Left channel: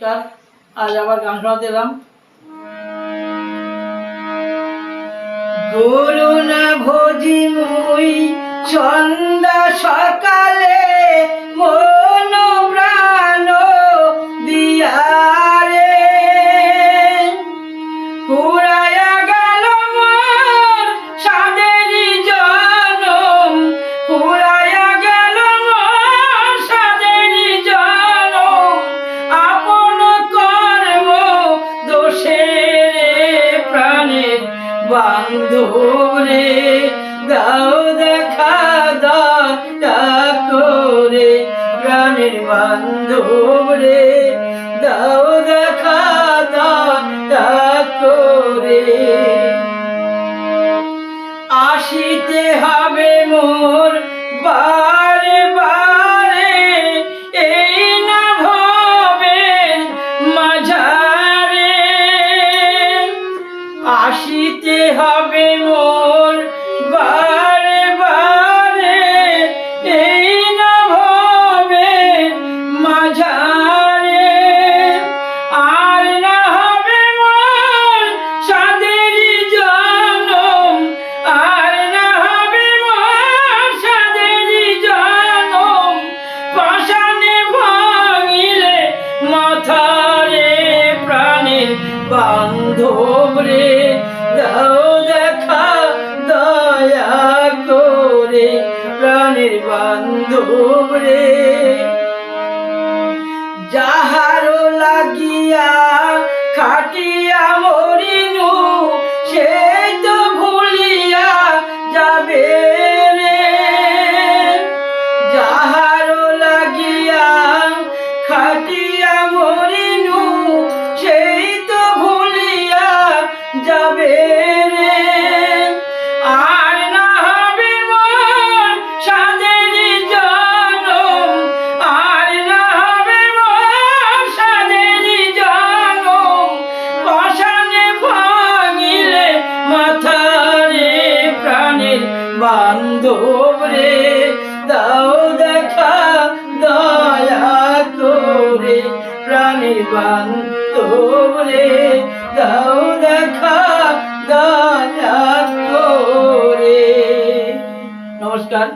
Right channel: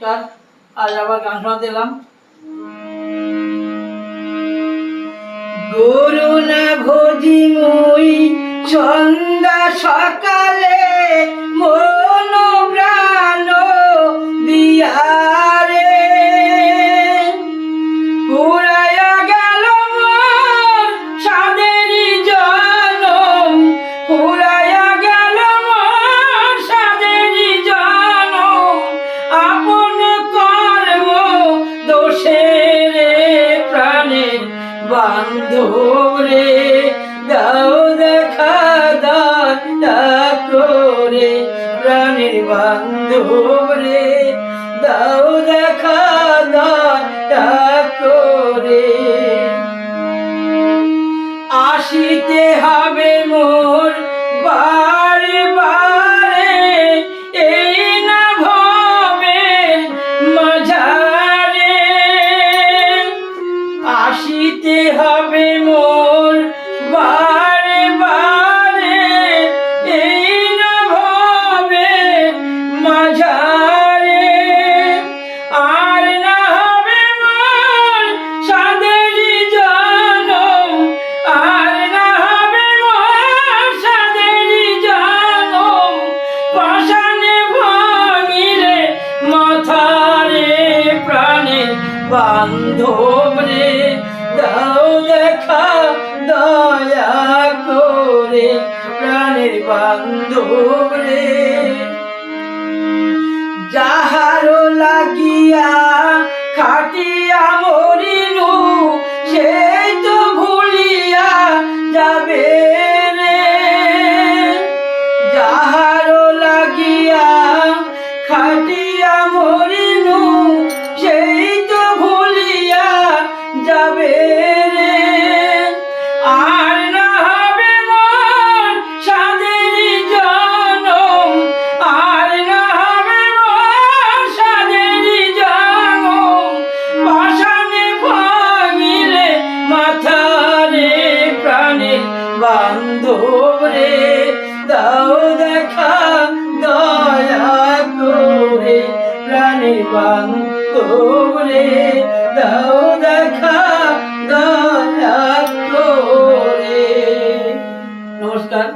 নমস্কার আজ আবার গান শোনাতে এলাম। করুণা ভোজি মুই সন্ধ্যা দোষে রে প্রাণের বান্ধরে দাও দেখা দাতা করে প্রাণের বান্ধরে দাও দেখা দাতা করে। আসিতে হবে মোর বারে হবে মোর বারে বারে, এই ভবে মাঝারে। আর না হবে মোর সাদেরি জনম, আর না হবে মোর সাদেরি জনম। পাশানে ভাঙিলে মাথারে প্রাণে বান্ধব রে। দেখা দয়া করে প্রাণের বান্ধব রে। যাহারো লাগিয়া খাটিয়া মরিনু, সে তো ভুলিয়া যাবে রে। যাহারো লাগিয়া খাটিয়া মরিনু, সেই তো ভুলিয়া যাবে বান্ধব রে দাও দেখা দয়া করে। প্রাণী বান্ধব রে দাও দেখা দয়া করে। নমস্কার।